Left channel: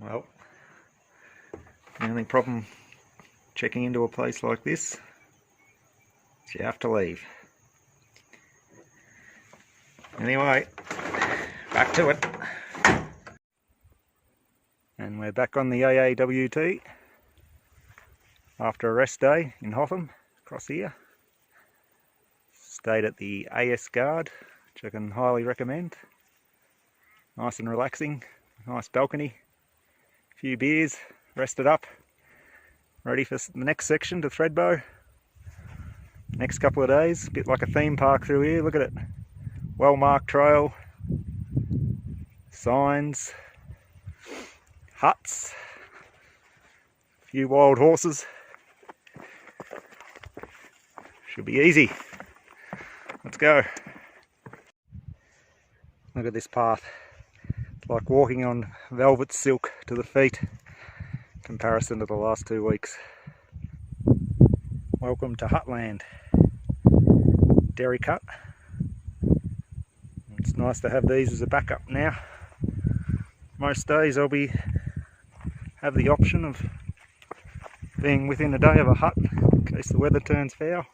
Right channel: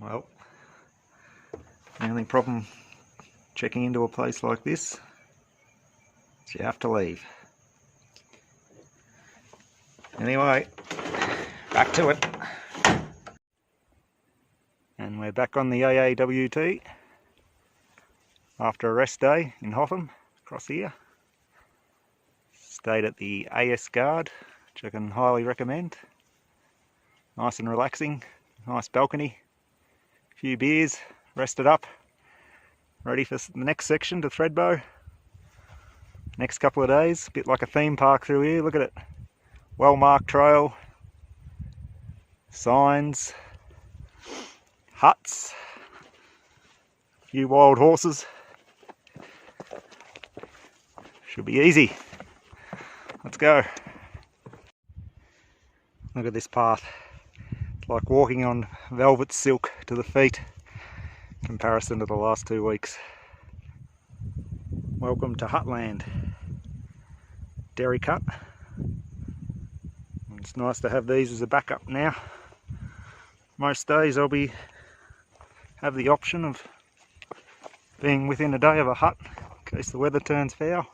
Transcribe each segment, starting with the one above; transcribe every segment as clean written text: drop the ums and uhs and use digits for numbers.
Well, the only problem checking into a place like this is you have to leave. Anyway, back to it. And we're back on the AAWT after a rest day in Hotham, across here. Stayed at the AS Guard, which I can highly recommend. Nice and relaxing, nice balcony, a few beers, rested up, ready for the next section to Thredbo. Next couple of days, a bit like a theme park through here. Look at it, well marked trail, signs, huts, a few wild horses. Should be easy. Let's go. Look at this path. It's like walking on velvet silk to the feet in comparison to the last 2 weeks. Welcome to Hutland. Dairy cut. It's nice to have these as a backup now. Most days I'll have the option of being within a day of a hut in case the weather turns foul.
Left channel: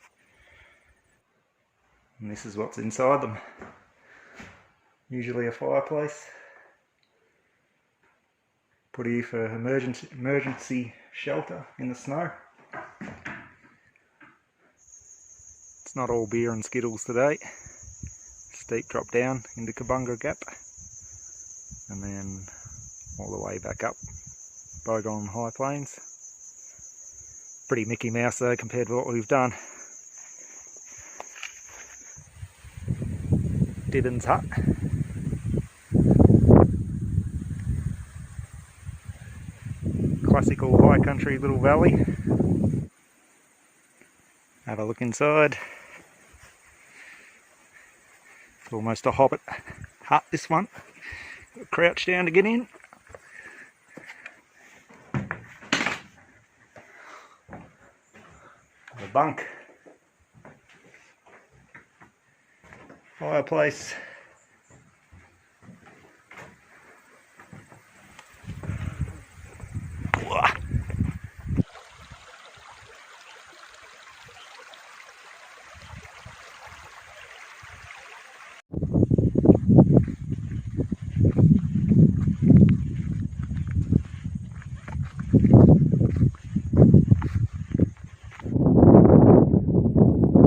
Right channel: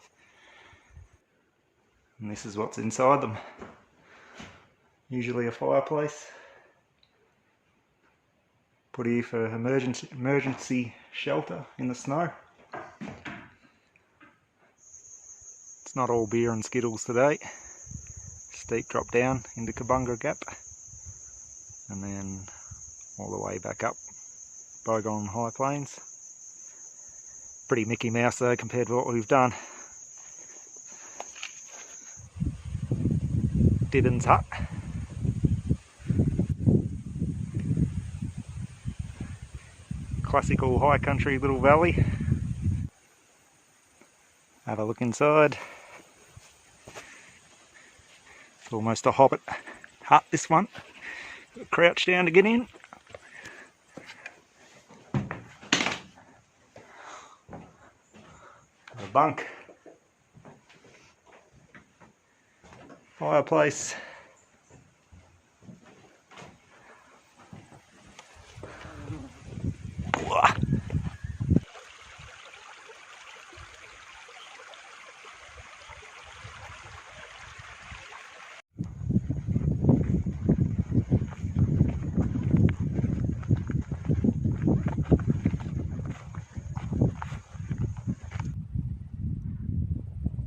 And this is what's inside them. Usually a fireplace. Put here for emergency shelter in the snow. It's not all beer and skittles today. Steep drop down into Kabunga Gap and then all the way back up Bogon High Plains. Pretty Mickey Mouse though compared to what we've done. Diben's hut. Classical high country little valley. Have a look inside. It's almost a hobbit hut, this one. Crouch down to get in. A bunk. Fireplace.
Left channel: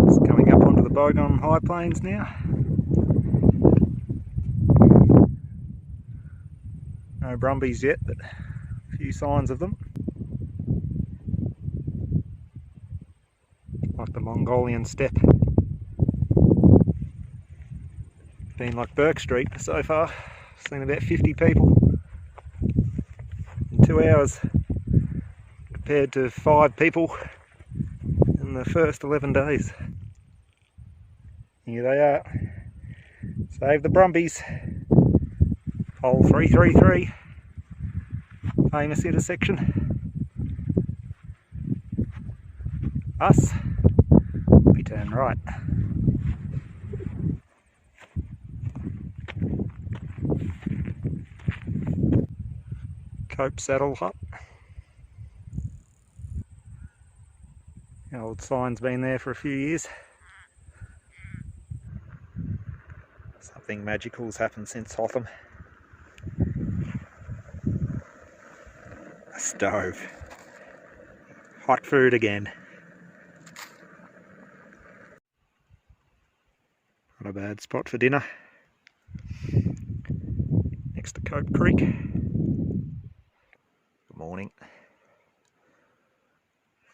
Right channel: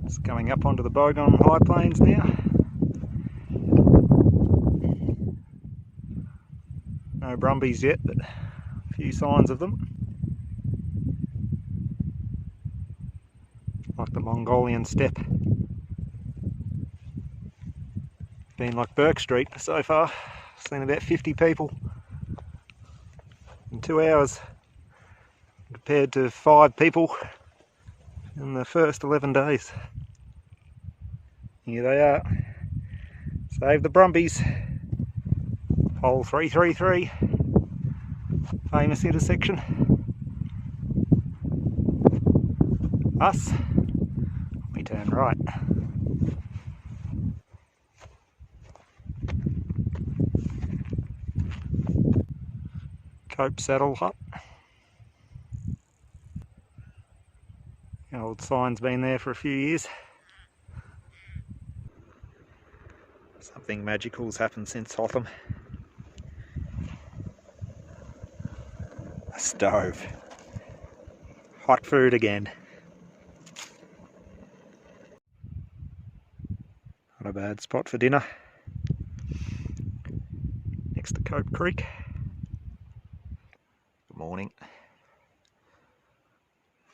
It's coming up onto the Bogon High Plains now. No brumbies yet, but a few signs of them. Like the Mongolian steppe. Been like Burke Street so far. Seen about 50 people in 2 hours compared to 5 people in the first 11 days. Here they are. Save the brumbies. Hole 333, famous intersection. Us, we turn right. Cope Saddle Hut. The old sign's been there for a few years. Something magical's happened since Hotham. A stove. Hot food again. Not a bad spot for dinner. Next to Cope Creek. Good morning.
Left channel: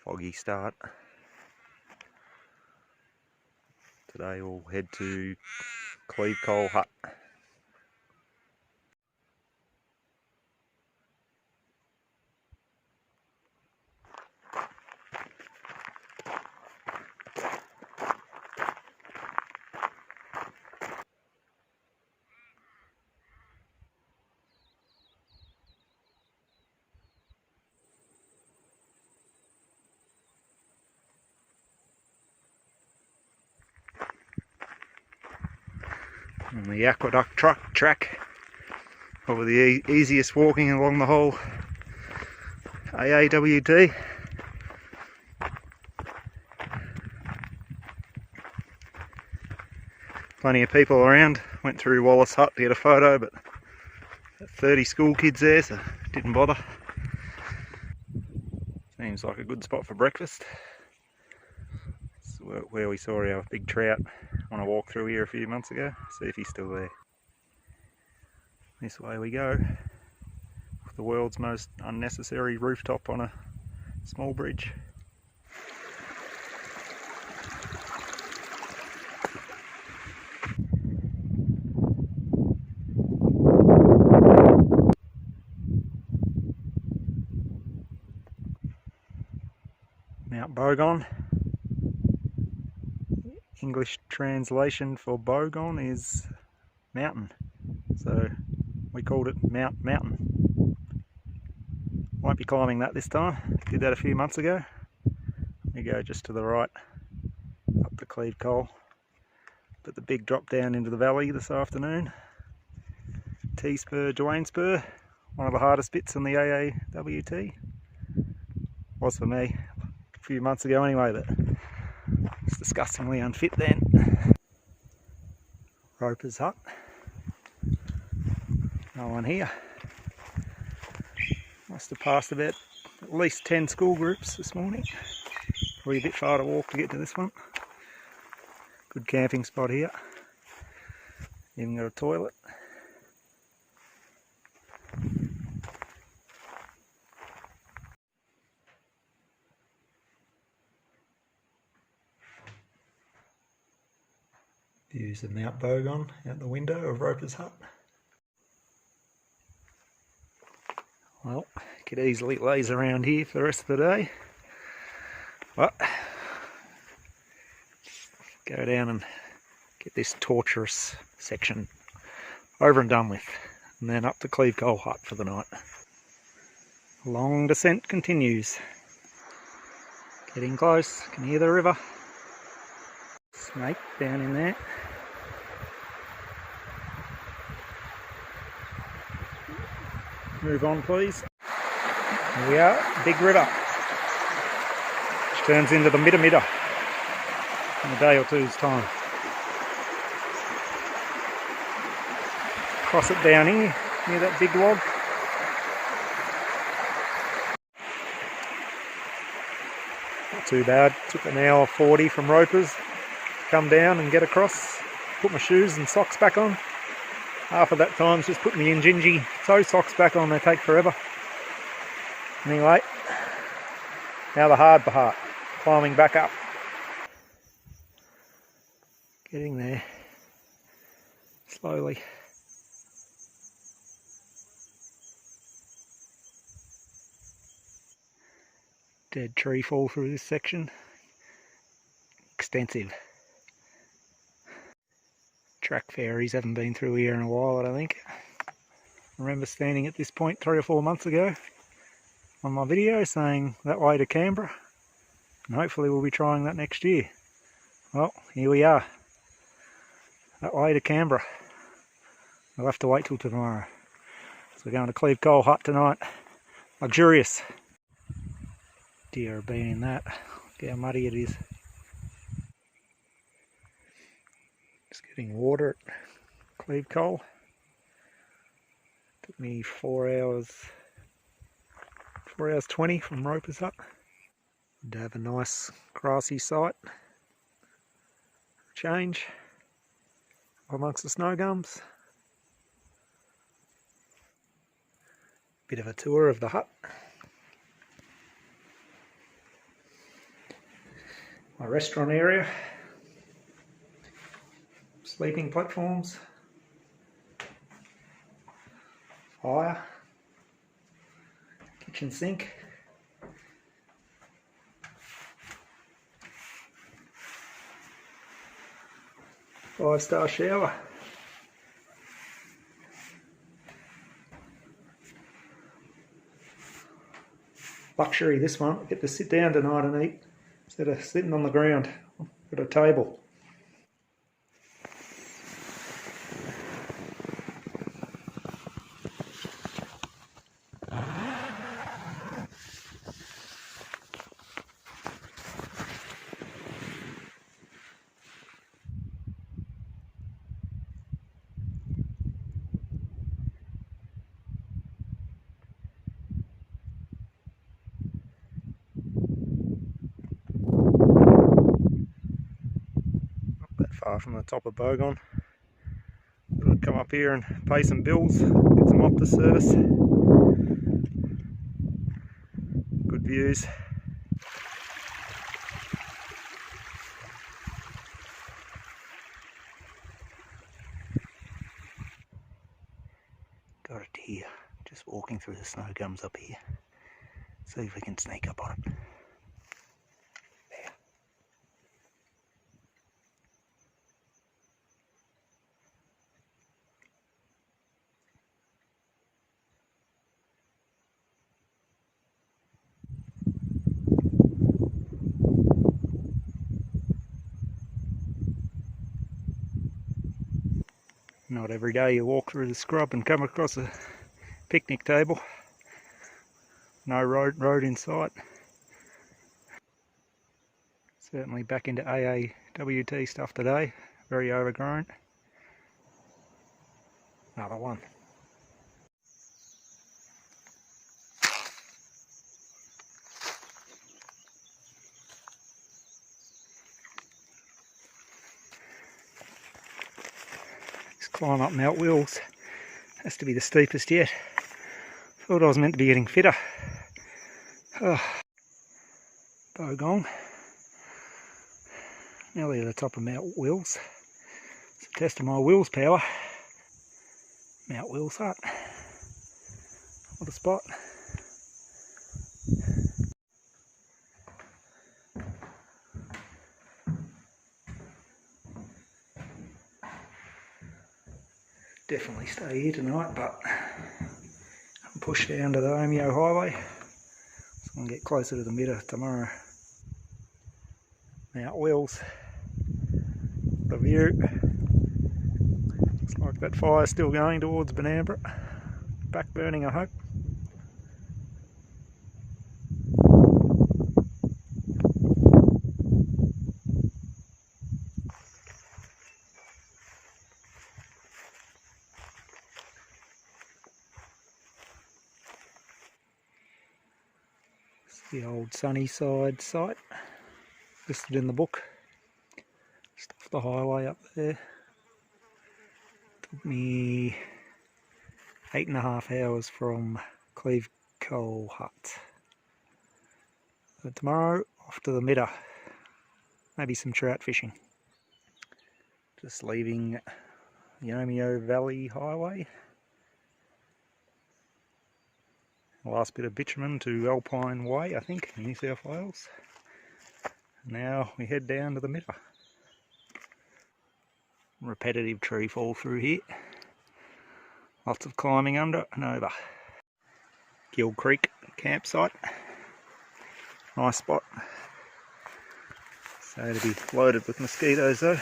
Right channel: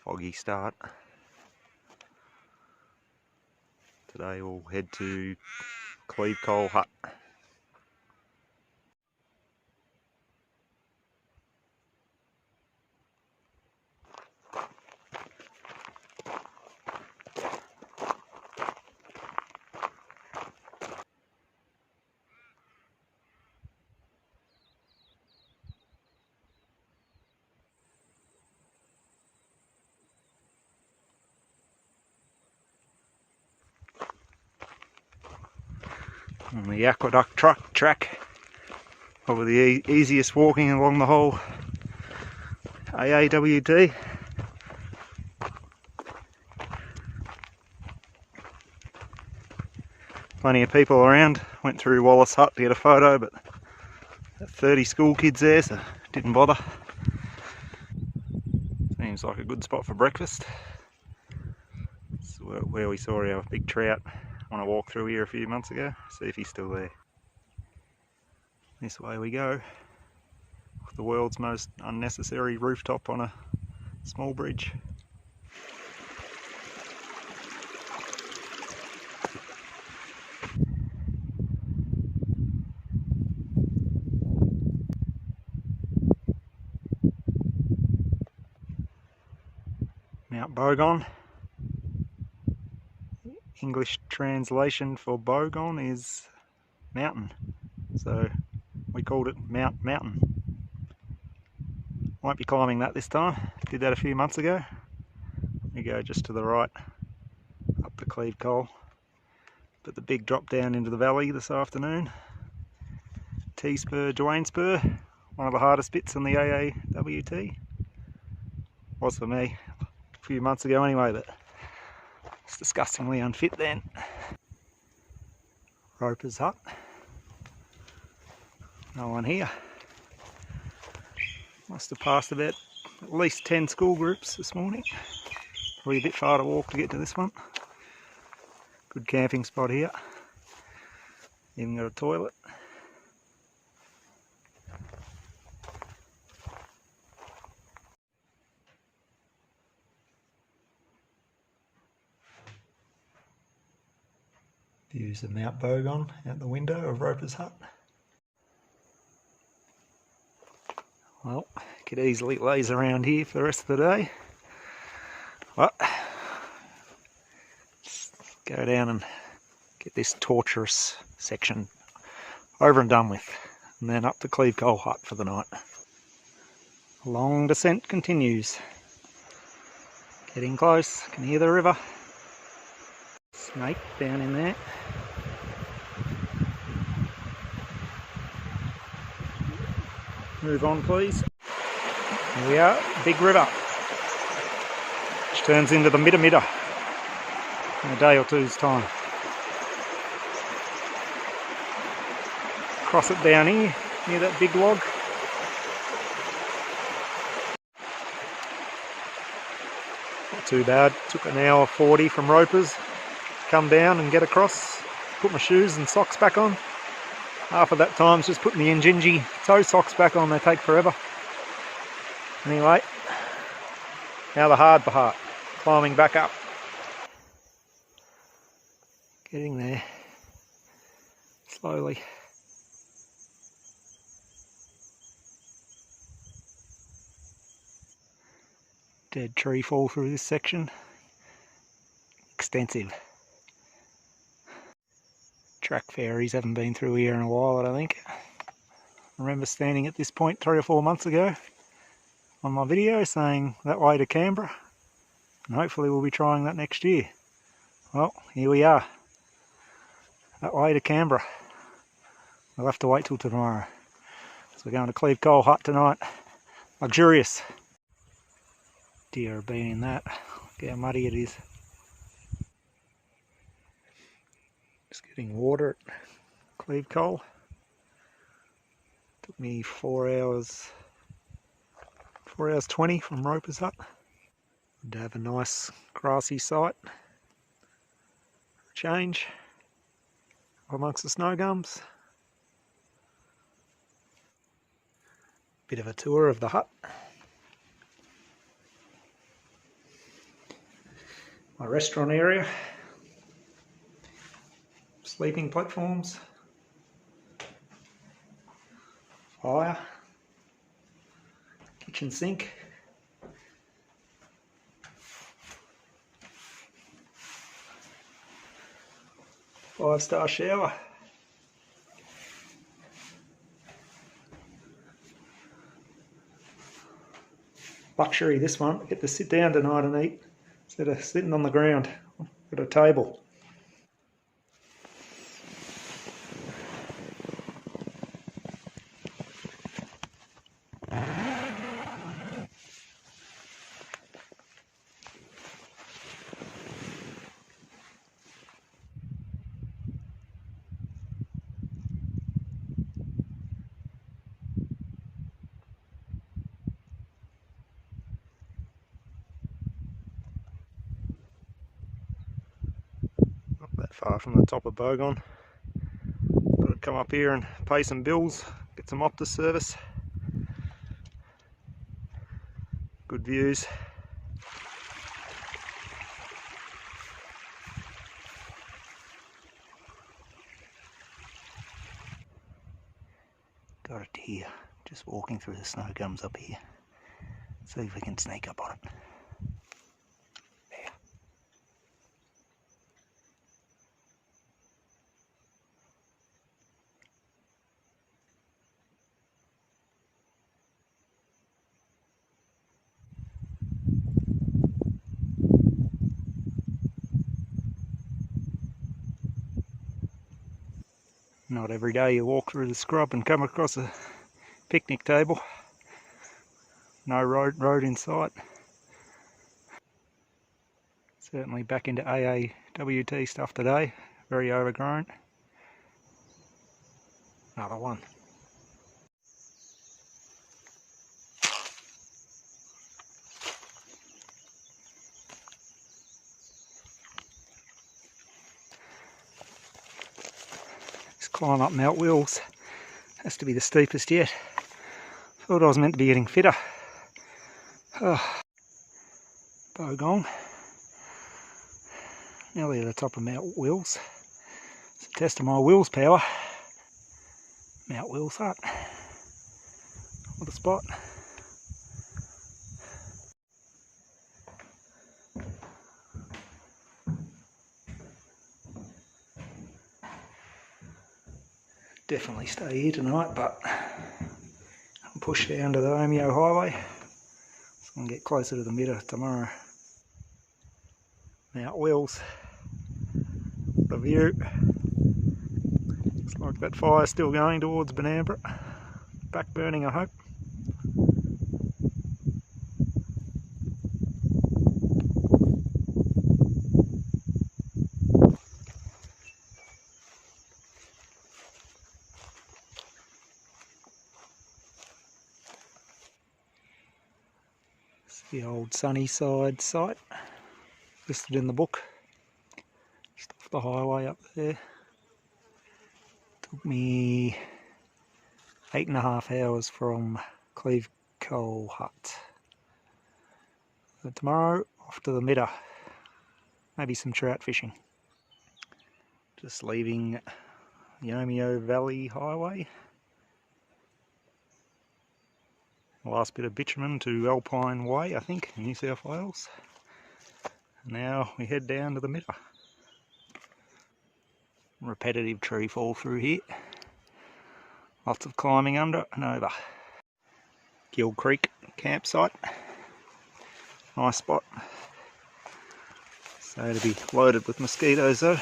Foggy start. Today we'll head to Cleve Coal Hut. On the aqueduct track Probably the easiest walking along the whole AAWT. Plenty of people around. Went through Wallace Hut to get a photo, but 30 school kids there, so didn't bother. Seems like a good spot for breakfast. It's where we saw our big trout on a walk through here a few months ago. See if he's still there. This way we go. The world's most unnecessary rooftop on a small bridge. Mount Bogon. English translation for Bogon is mountain, so we called it Mount Mountain. Won't be climbing that this time, did that a few months ago. We go just to the right, up the Cleve Coal. But the big drop down into the valley this afternoon. T-spur, Dwayne spur, one of the hardest bits on the AAWT. Was for me a few months ago anyway, but it's disgustingly unfit then. Roper's Hut. No one here. Must have passed about at least 10 school groups this morning. Probably a bit far to walk to get to this one. Good camping spot here. Even got a toilet. Views of Mount Bogon out the window of Roper's Hut. Well, could easily laze around here for the rest of the day. But go down and get this torturous section over and done with, and then up to Cleve Coal Hut for the night. Long descent continues. Getting close, can hear the river. Snake down in there. Move on please. Here we are, big river, which turns into the Midda in a day or two's time. Cross it down here, near that big log. Not too bad, took an hour 40 from Ropers to come down and get across. Put my shoes and socks back on. Half of that time's just putting the Injinji toe socks back on, they take forever. Anyway, now the hard part, climbing back up. Getting there, slowly. Dead tree fall through this section. Extensive. Track fairies haven't been through here in a while, I don't think. I remember standing at this point 3 or 4 months ago on my video saying that way to Canberra, and hopefully we'll be trying that next year. Well, here we are, that way to Canberra. We'll have to wait till tomorrow. So we're going to Cleve Coal Hut tonight. Luxurious. Deer have been in that. Look how muddy it is. Just getting water at Cleve Coal. Took me 4 hours 20 from Roper's Hut. Good to have a nice grassy site for a change amongst the snow gums. Bit of a tour of the hut. My restaurant area. Sleeping platforms, fire, kitchen sink, five-star shower, luxury this one, get to sit down tonight and eat instead of sitting on the ground at a table. far from the top of Bogon. Got to come up here and pay some bills, get some Optus service. Good views. Got it here, just walking through the snow gums up here. See if we can sneak up on it. There. Not every day you walk through the scrub and come across a picnic table. No road in sight. Certainly back into AAWT stuff today. Very overgrown. Another one. This climb up Mount Wills has to be the steepest yet. Thought I was meant to be getting fitter. Oh. Bogon. Nearly at the top of Mount Wills. It's a test of my Wills power. Mount Wills Hut. What a spot. Definitely stay here tonight, but I'll push down to the Omeo Highway so I can get closer to the Midder tomorrow. Mount Wills. What a view. Looks like that fire's still going towards Benambra. Back burning, I hope. It's the old Sunnyside site, listed in the book. Just off the highway up there. Took me 8.5 hours from Cleve Coal Hut. So tomorrow, off to the Midder. Maybe some trout fishing. Just leaving the Omeo Valley Highway. Last bit of bitumen to Alpine Way, I think, in New South Wales. Now we head down to the Midder. Repetitive tree fall through here. Lots of climbing under and over. Gill Creek campsite. Nice spot. So to be loaded with mosquitoes though.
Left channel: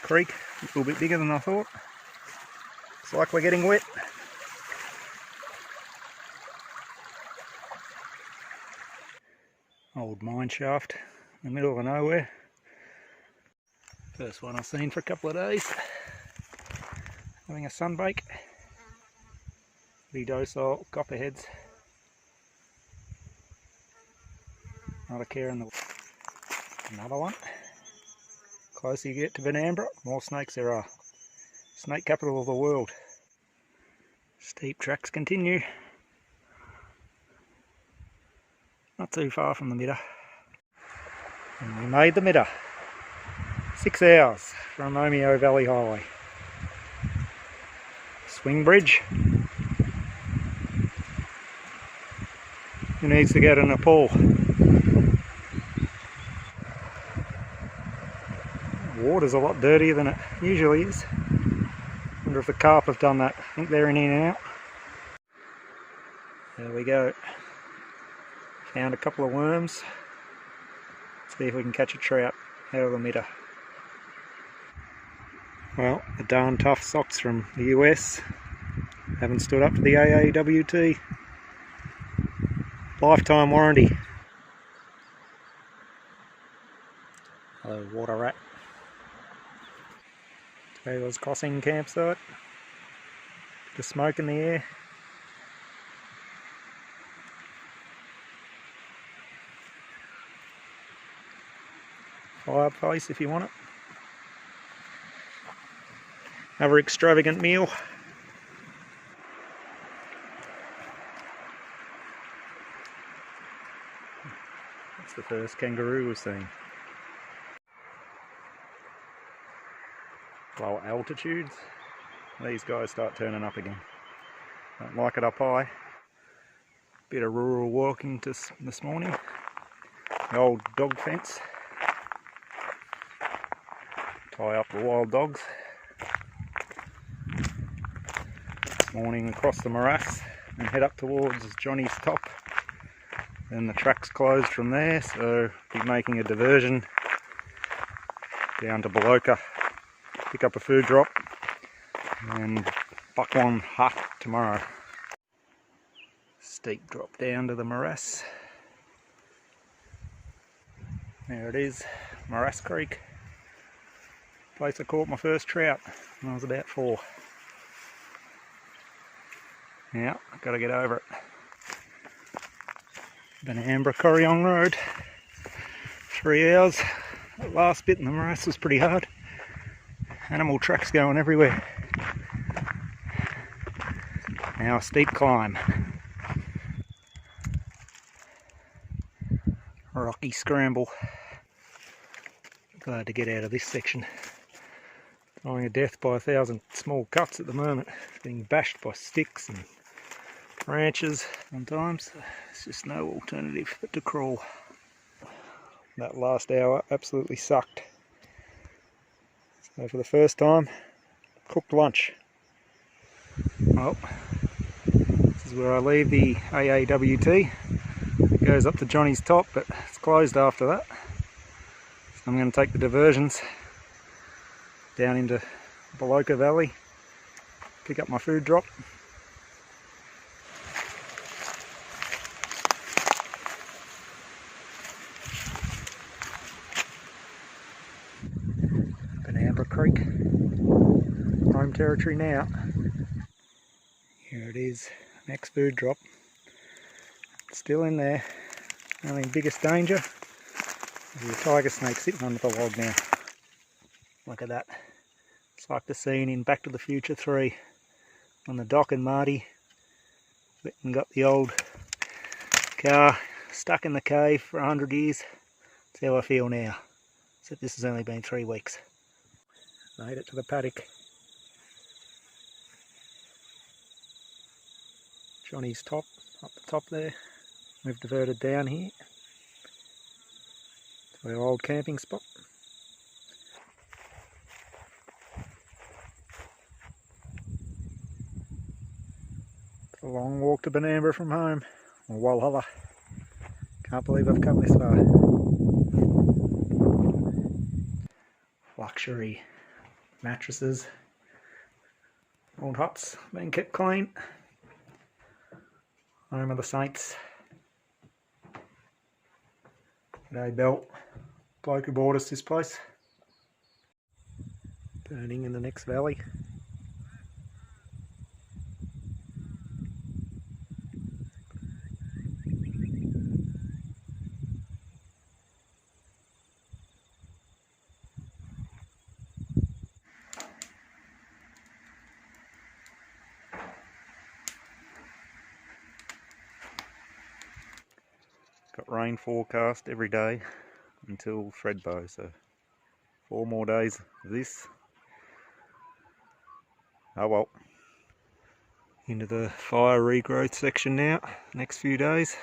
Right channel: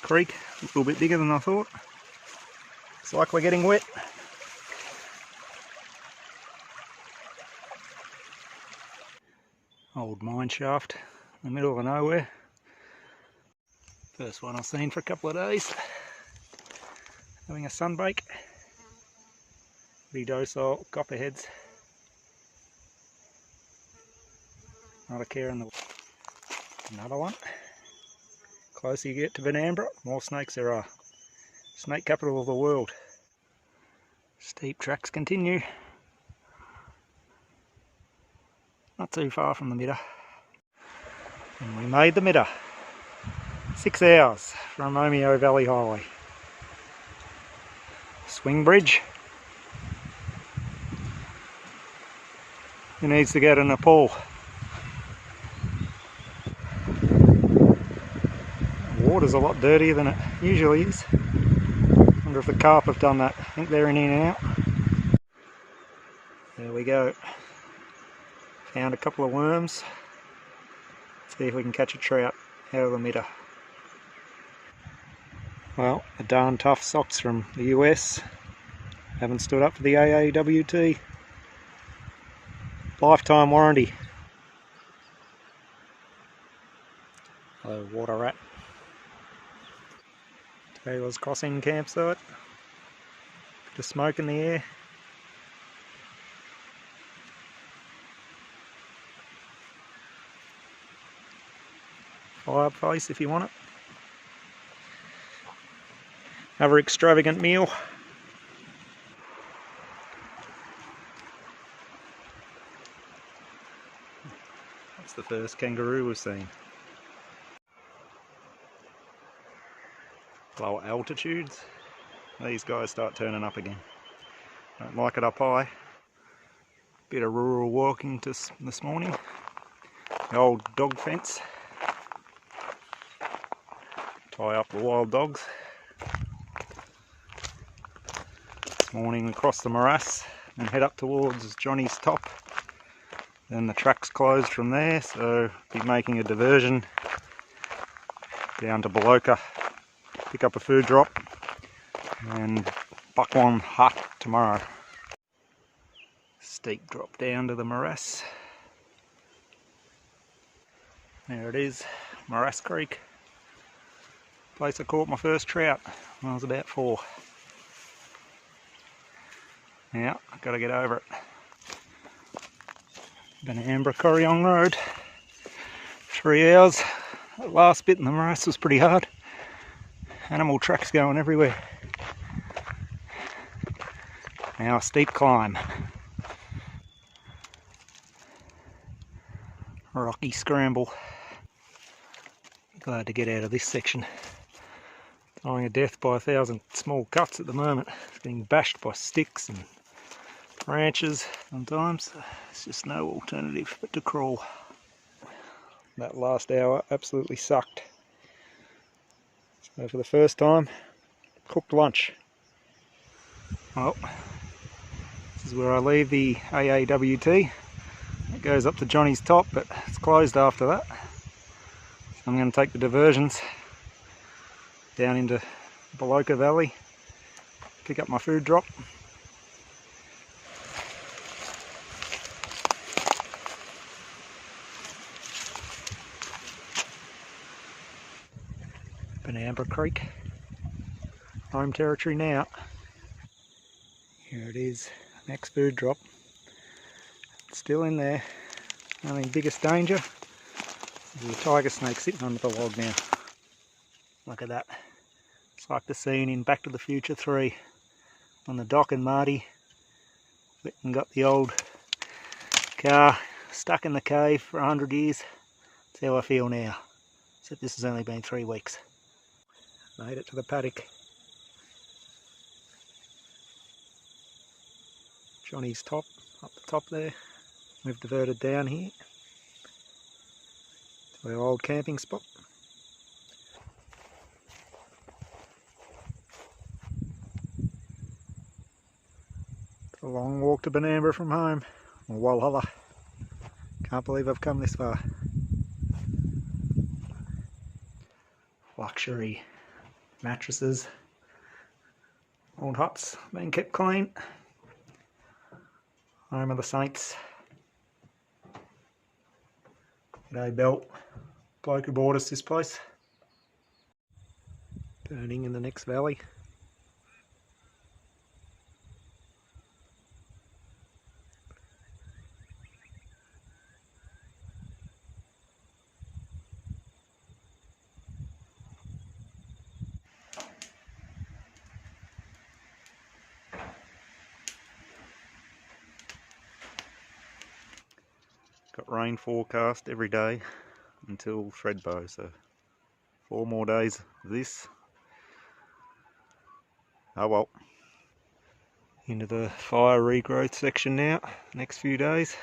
Creek, a little bit bigger than I thought. Looks like we're getting wet. Old mine shaft in the middle of nowhere. First one I've seen for a couple of days. Having a sunbake. Pretty docile copperheads. Not a care in the... Another one. Closer you get to Benambra, more snakes there are. Snake capital of the world. Steep tracks continue. Not too far from the Midder. And we made the Midder. 6 hours from Omeo Valley Highway. Swing bridge. Who needs to go to Nepal? The water's a lot dirtier than it usually is. Wonder if the carp have done that. I think they're in and out. There we go. Found a couple of worms. See if we can catch a trout out of the Midder. Well, the darn tough socks from the US haven't stood up to the AAWT. Lifetime warranty. Hello, water rat. Taylor's Crossing campsite. Bit of smoke in the air. fireplace if you want it. Another extravagant meal. That's the first kangaroo we've seen. Lower altitudes, these guys start turning up again. Don't like it up high. Bit of rural walking this morning. The old dog fence. Tie up the wild dogs. This morning we cross the morass and head up towards Johnny's Top. Then the track's closed from there, so be making a diversion down to Bogon. Pick up a food drop and Bogon hut tomorrow. Steep drop down to the morass. There it is, Morass Creek. Place I caught my first trout when I was about 4. Now, I've got to get over it. Benambra Corryong Road. 3 hours. That last bit in the morass was pretty hard. Animal tracks going everywhere. Now a steep climb. Rocky scramble. Glad to get out of this section. Dying a death by 1,000 small cuts at the moment. It's being bashed by sticks and branches sometimes. There's just no alternative but to crawl. That last hour absolutely sucked. So for the first time, cooked lunch. Well, this is where I leave the AAWT. It goes up to Johnny's Top, but it's closed after that. So I'm going to take the diversions down into Bogon Valley, pick up my food drop. Benambra Creek, home territory now. Here it is, next food drop. It's still in there. Only biggest danger is the tiger snake sitting under the log now. Look at that. It's like the scene in Back to the Future 3 when the Doc and Marty went and got the old car stuck in the cave for 100 years. That's how I feel now. Except this has only been 3 weeks. Made it to the paddock. Johnny's Top, up the top there. We've diverted down here to our old camping spot. It's a long walk to Benambra from home, or Walhalla. Can't believe I've come this far. Luxury mattresses, old huts being kept clean. Home of the Saints. G'day Belt, bloke who bought us this place. Burning in the next valley. Got rain forecast every day until Thredbo, so 4 more days of this. Oh well. Into the fire regrowth section now, next few days.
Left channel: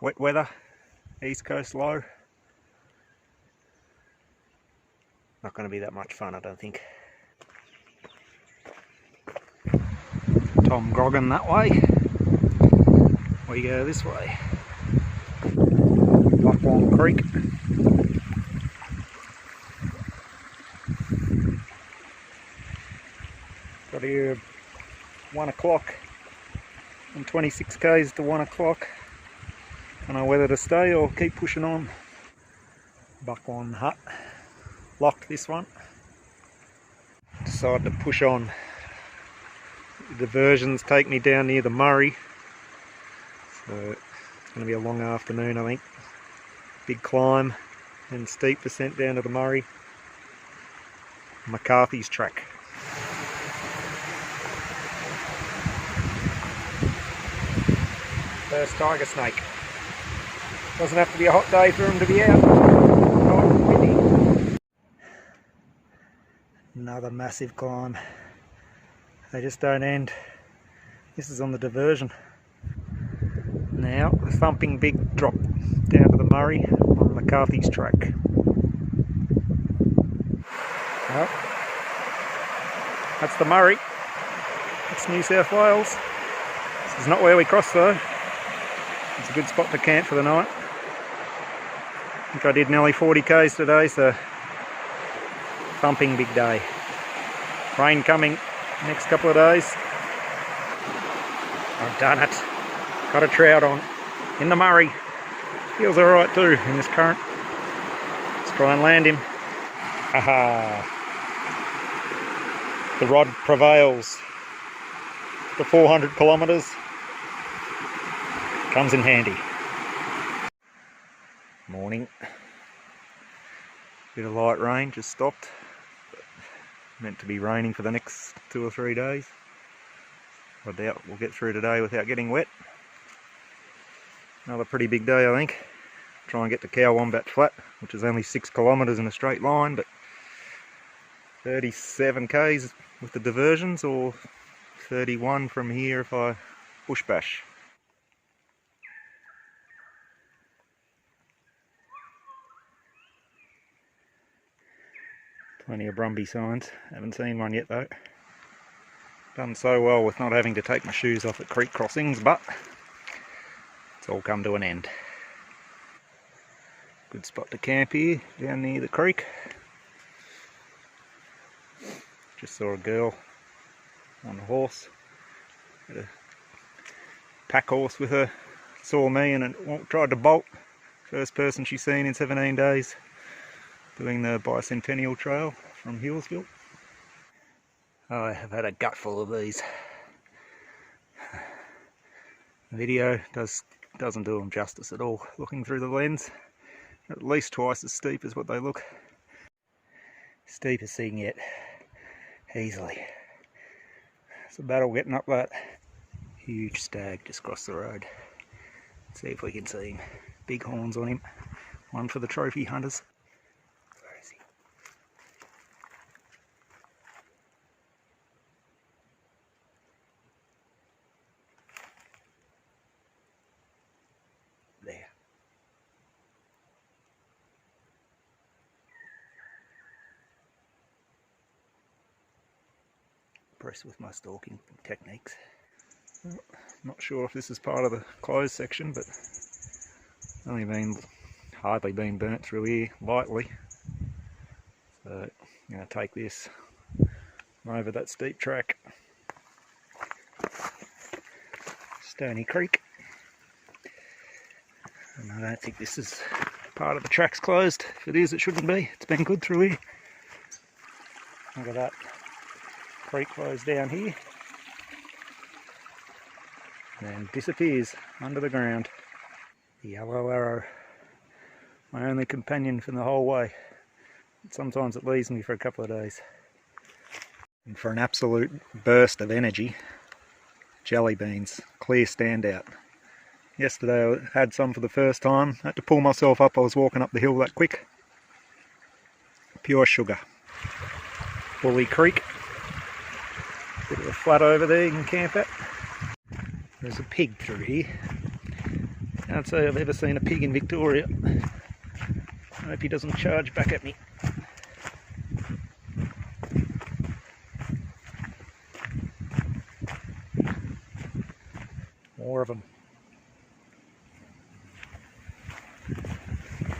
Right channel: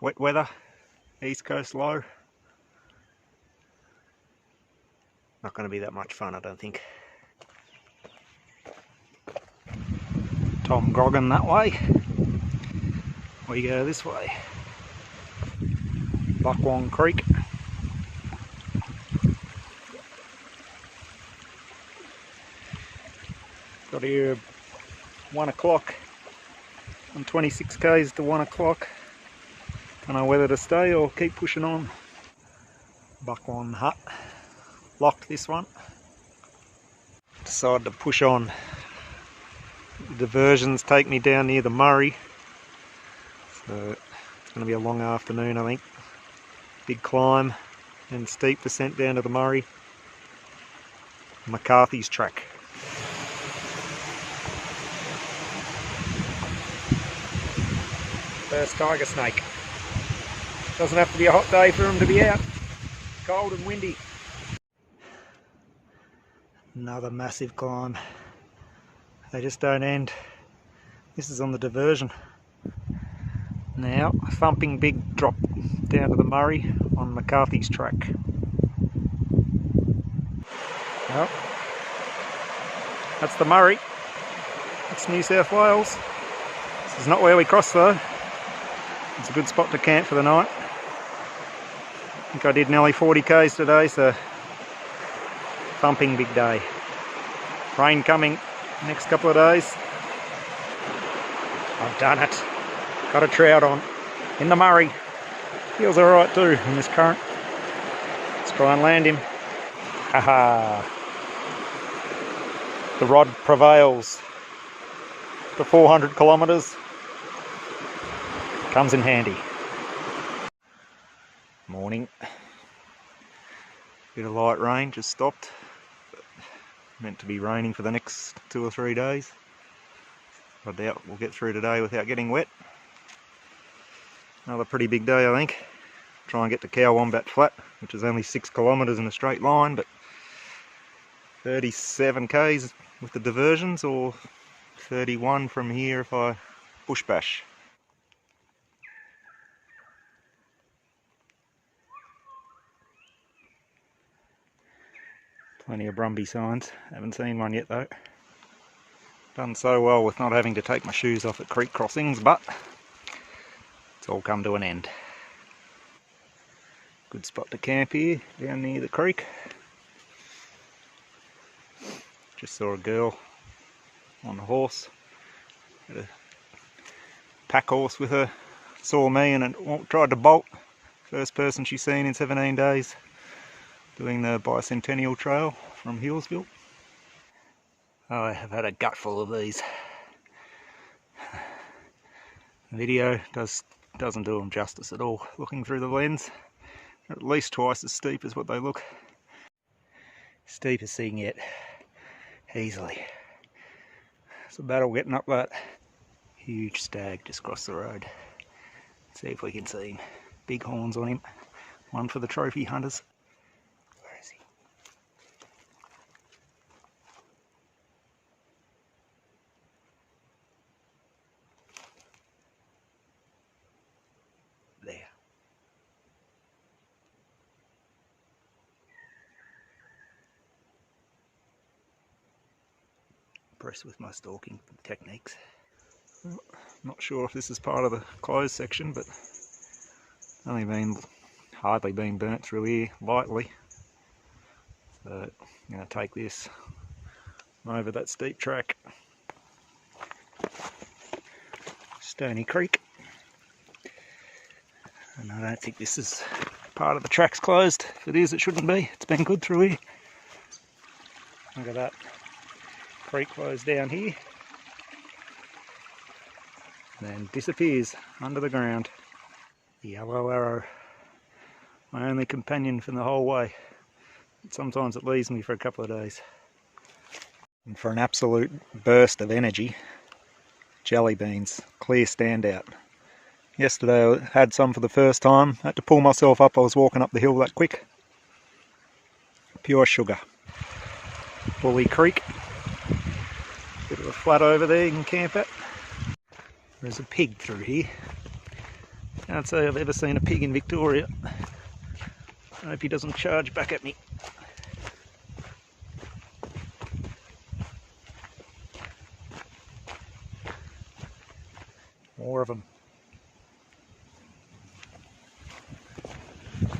Wet weather, east coast low. Not going to be that much fun, I don't think. Tom Grogan that way. We go this way. Bogon Creek. Got here 1 o'clock. I'm 26 k's to 1 o'clock. Don't know whether to stay or keep pushing on. Bogon hut. Locked this one. Decided to push on. The diversions take me down near the Murray. So it's going to be a long afternoon, I think. Big climb and steep descent down to the Murray. McCarthy's track. First tiger snake. Doesn't have to be a hot day for them to be out. Cold and windy. Another massive climb. They just don't end. This is on the diversion. Now, a thumping big drop down to the Murray on McCarthy's track. Well, that's the Murray. That's New South Wales. This is not where we cross though. It's a good spot to camp for the night. I think I did nearly 40 k's today, so thumping big day. Rain coming next couple of days. I've done it. Got a trout on in the Murray. Feels alright too in this current. Let's try and land him. Haha. The rod prevails. The 400 kilometres comes in handy. Morning. Bit of light rain just stopped. Meant to be raining for the next 2 or 3 days. I doubt we'll get through today without getting wet. Another pretty big day, I think. Try and get to Cow Wombat Flat, which is only 6 kilometres in a straight line, but 37 k's with the diversions, or 31 from here if I bush bash. Plenty of Brumby signs. Haven't seen one yet though. Done so well with not having to take my shoes off at creek crossings, but it's all come to an end. Good spot to camp here, down near the creek. Just saw a girl on a horse. Had a pack horse with her. Saw me and tried to bolt. First person she's seen in 17 days. Doing the Bicentennial Trail from Hillsville. I have had a gutful of these. The video doesn't do them justice at all. Looking through the lens, at least twice as steep as what they look. Steepest thing yet, easily. It's a battle getting up that huge stag just across the road. Let's see if we can see him. Big horns on him. One for the trophy hunters. Where is he? There. Impressed with my stalking techniques. Well, not sure if this is part of the closed section, but hardly been burnt through here lightly. So I'm going to take this over that steep track. Stony Creek. And I don't think this is part of the track's closed. If it is, it shouldn't be. It's been good through here. Look at that. Creek flows down here. And then disappears under the ground. The yellow arrow. My only companion for the whole way. Sometimes it leaves me for a couple of days. And for an absolute burst of energy, jelly beans, clear standout. Yesterday I had some for the first time. Had to pull myself up, I was walking up the hill that quick. Pure sugar. Bully Creek. Bit of a flat over there you can camp at. There's a pig through here. Can't say I've ever seen a pig in Victoria. I hope he doesn't charge back at me. More of them.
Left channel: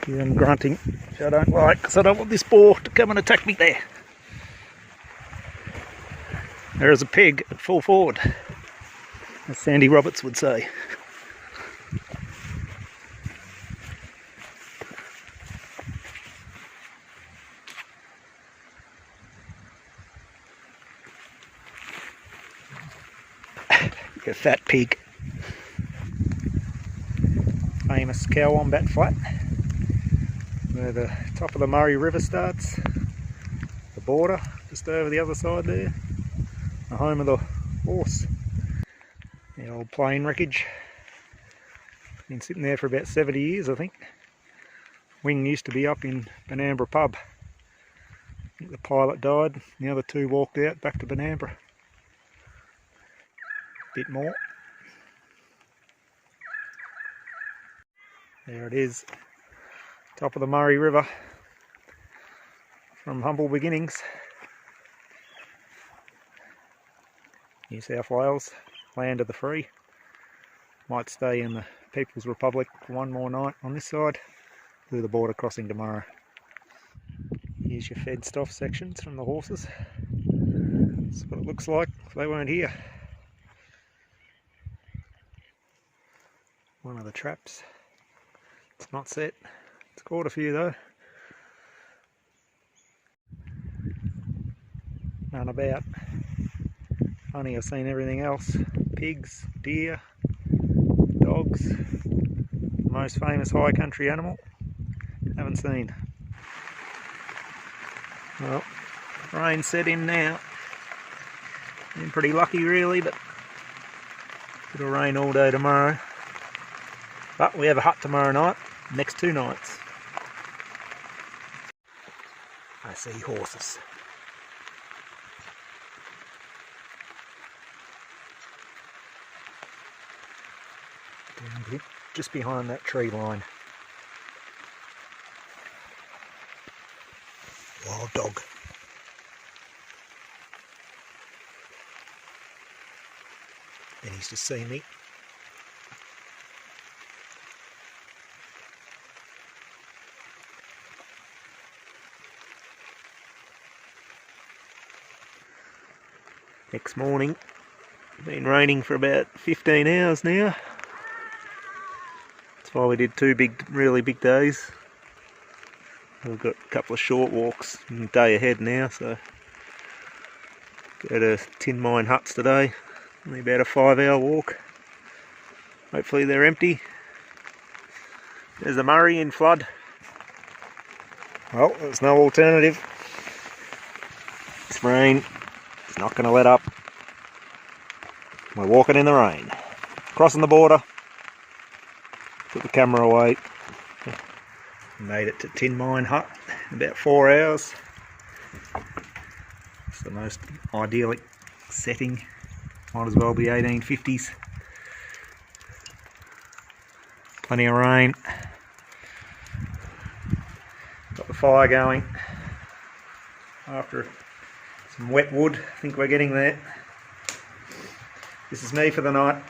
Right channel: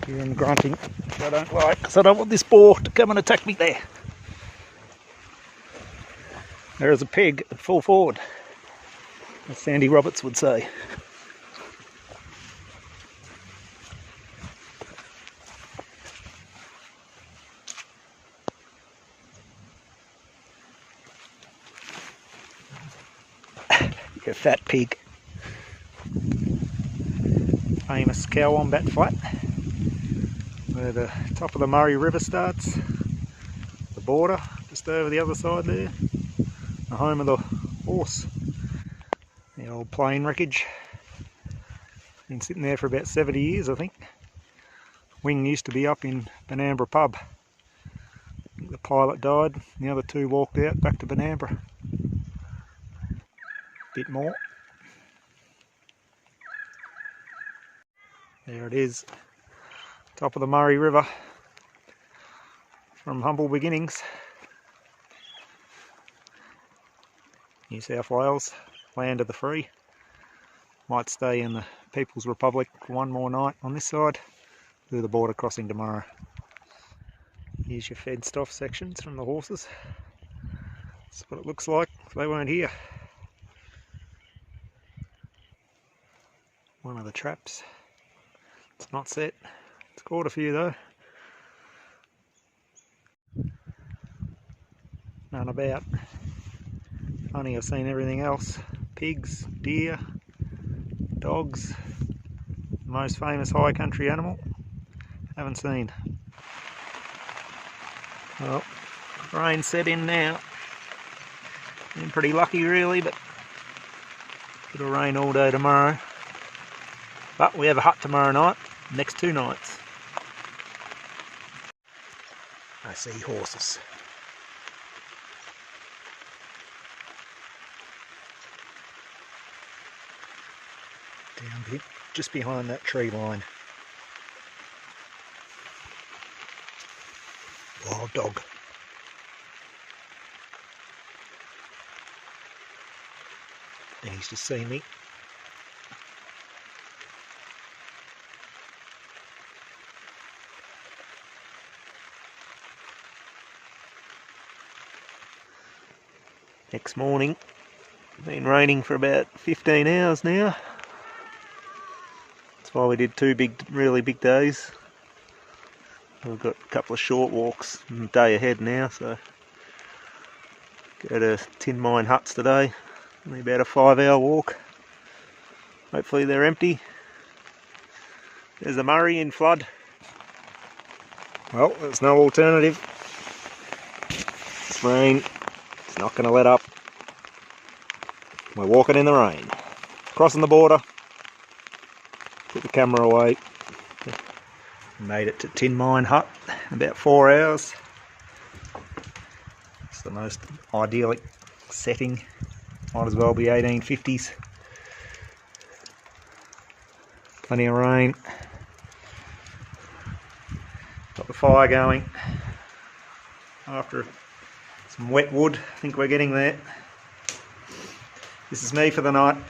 Hearing grunting, which I don't like, because I don't want this boar to come and attack me there. There is a pig at full forward, as Sandy Roberts would say. You fat pig. Famous Cow Wombat Flat. where the top of the Murray River starts, the border just over the other side there, the home of the horse, the old plane wreckage. Been sitting there for about 70 years, I think. Wing used to be up in Benambra pub. I think the pilot died and the other two walked out back to Benambra. Bit more. There it is, top of the Murray River, from humble beginnings. New South Wales, land of the free. Might stay in the People's Republic for one more night on this side, do the border crossing tomorrow. Here's your fenced off sections from the horses. That's what it looks like if they weren't here. One of the traps. It's not set. It's caught a few though. None about. Funny, I've seen everything else. Pigs, deer, dogs. The most famous high country animal. Haven't seen. Well, rain set in now. Been pretty lucky really, but it'll rain all day tomorrow. But we have a hut tomorrow night, next 2 nights. I see horses. Down here, just behind that tree line. Wild dog. And he's just seen me. Next morning, been raining for about 15 hours now. That's why we did 2 really big days. We've got a couple of short walks and a day ahead now, so go to tin mine huts today. Only about a 5-hour walk. Hopefully they're empty. There's the Murray in flood. Well, there's no alternative. This rain is not going to let up. We're walking in the rain. Crossing the border. Put the camera away. Made it to Tin Mine Hut in about 4 hours. It's the most idyllic setting. Might as well be 1850s. Plenty of rain. Got the fire going. After some wet wood, I think we're getting there. This is me for the night.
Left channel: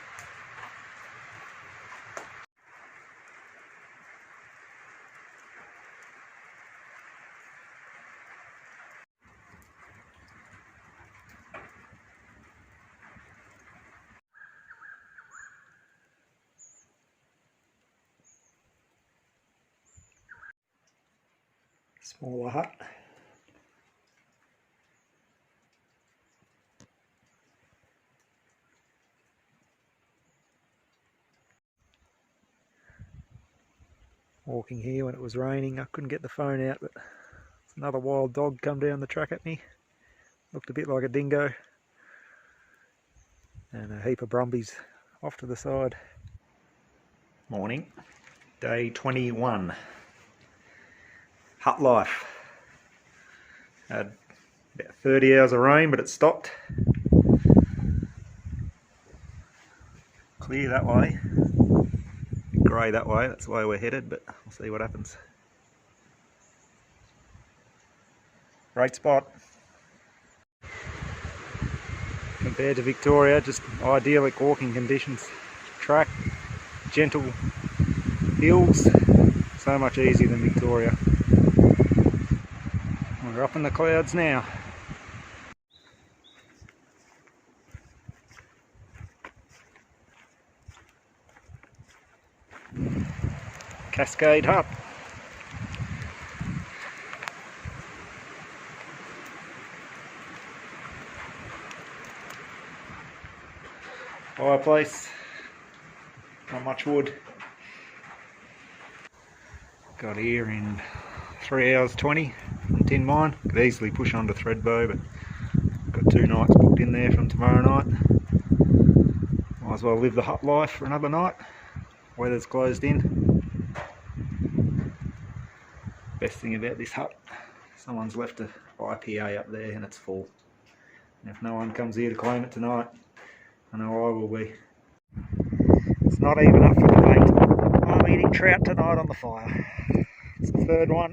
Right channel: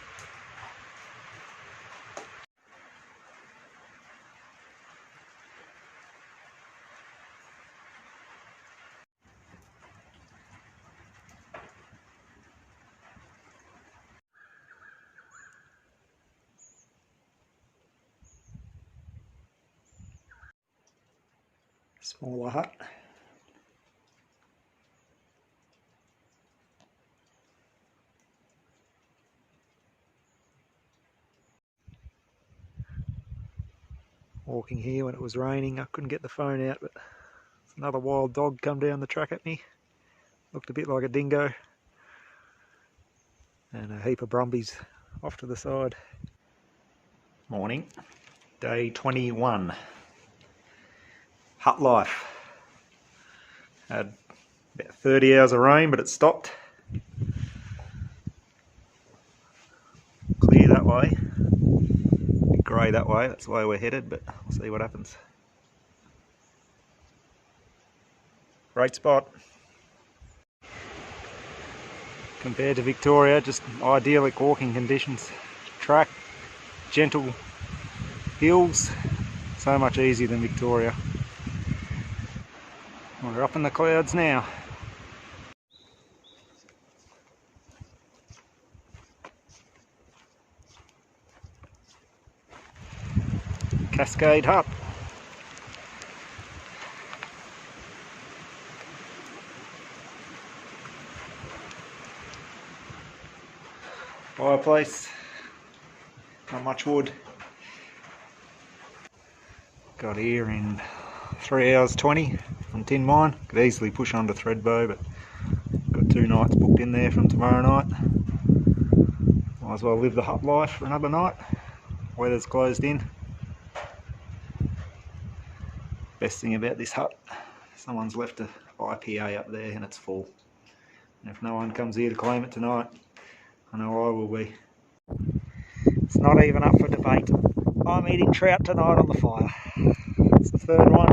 Smaller hut. Walking here when it was raining, I couldn't get the phone out, but another wild dog come down the track at me. Looked a bit like a dingo. And a heap of brumbies off to the side. Morning, day 21. Hut life. Had about 30 hours of rain, but it stopped. Clear that way. Bit grey that way, that's the way we're headed, but we'll see what happens. Great spot. Compared to Victoria, just idyllic walking conditions. Track, gentle hills, so much easier than Victoria. We're up in the clouds now. Cascade Hut. Fireplace. Not much wood. Got here in 3 hours 20 on tin mine. Could easily push on to Thredbo, but got 2 nights booked in there from tomorrow night. Might as well live the hut life for another night. Weather's closed in. Best thing about this hut, someone's left a IPA up there and it's full. And if no one comes here to claim it tonight, I know I will be. It's not even up for debate. I'm eating trout tonight on the fire. It's the 3rd one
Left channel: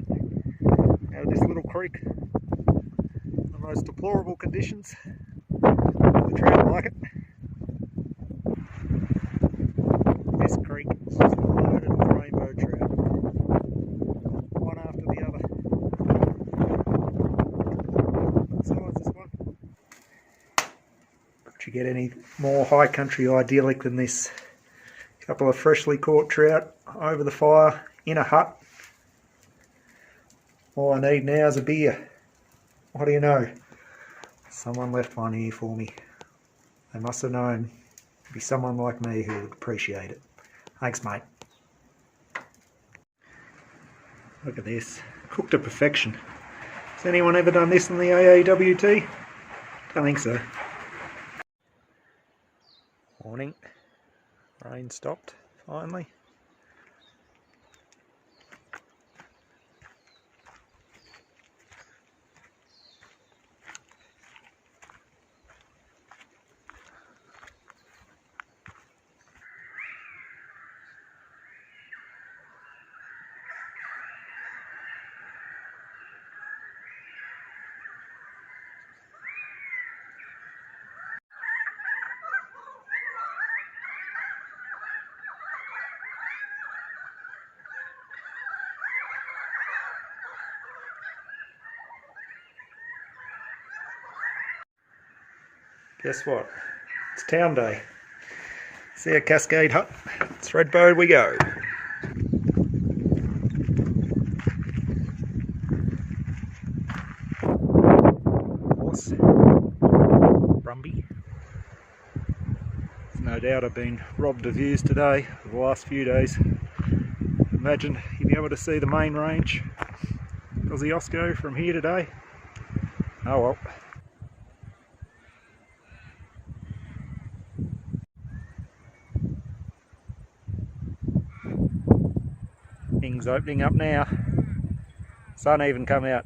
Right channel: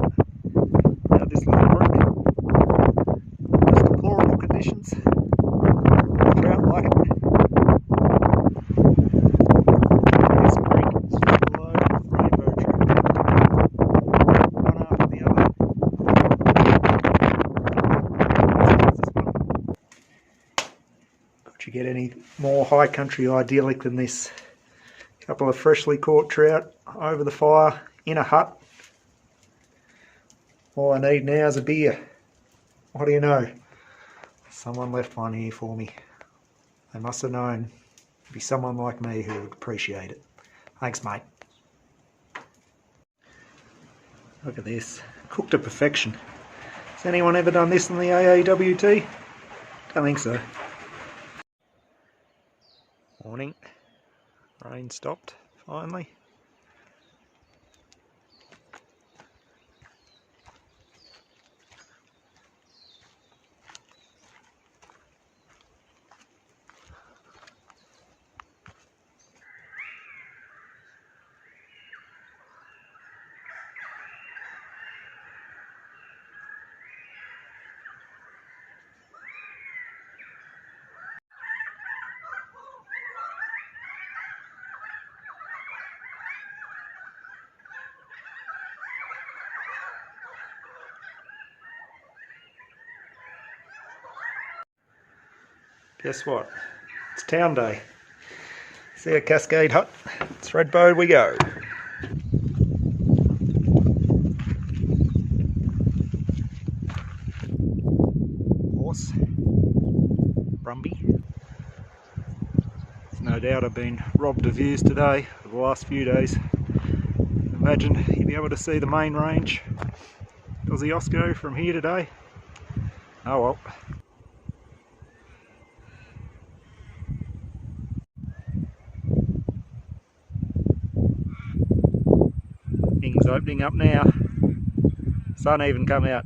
out this little creek. Just deplorable conditions. The trout like it. This creek is just loaded with rainbow trout. One after the other. This one. Could you get any more high country idyllic than this? Couple of freshly caught trout over the fire in a hut. All I need now is a beer. What do you know? Someone left one here for me. They must have known it'd be someone like me who would appreciate it. Thanks, mate. Look at this. Cooked to perfection. Has anyone ever done this in the AAWT? Don't think so. Morning. Rain stopped, finally. Guess what? It's town day. See a Cascade hut. Thredbo we go. Horse. Brumby. There's no doubt I've been robbed of views today for the last few days. Imagine you'd be able to see the main range. Kosciuszko from here today. Oh well. Things opening up now. Sun even come out.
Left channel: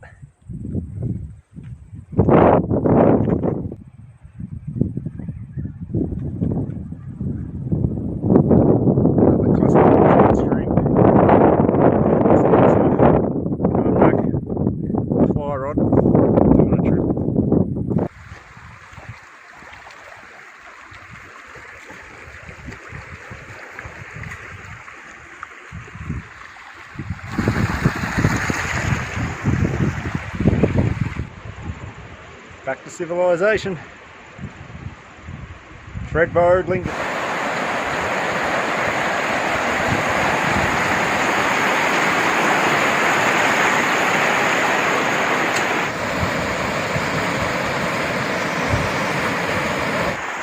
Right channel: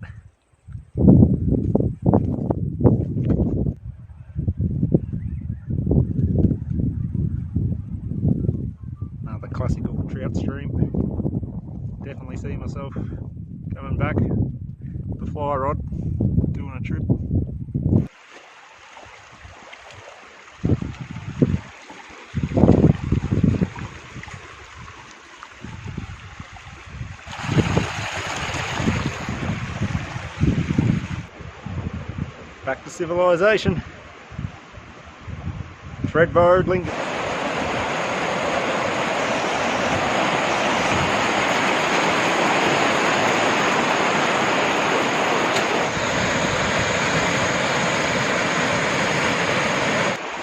Another classic trout stream. Definitely see myself coming back with a fly rod, doing a trip. Back to civilization. Thredbo, Lincoln.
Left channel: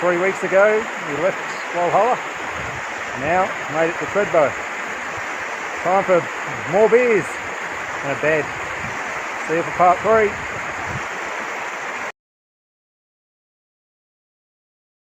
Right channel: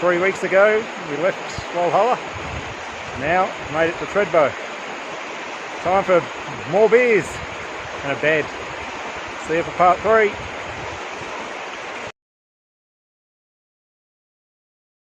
Three weeks ago we left Walhalla. Now made it to Thredbo. Time for more beers and a bed. See you for part 3.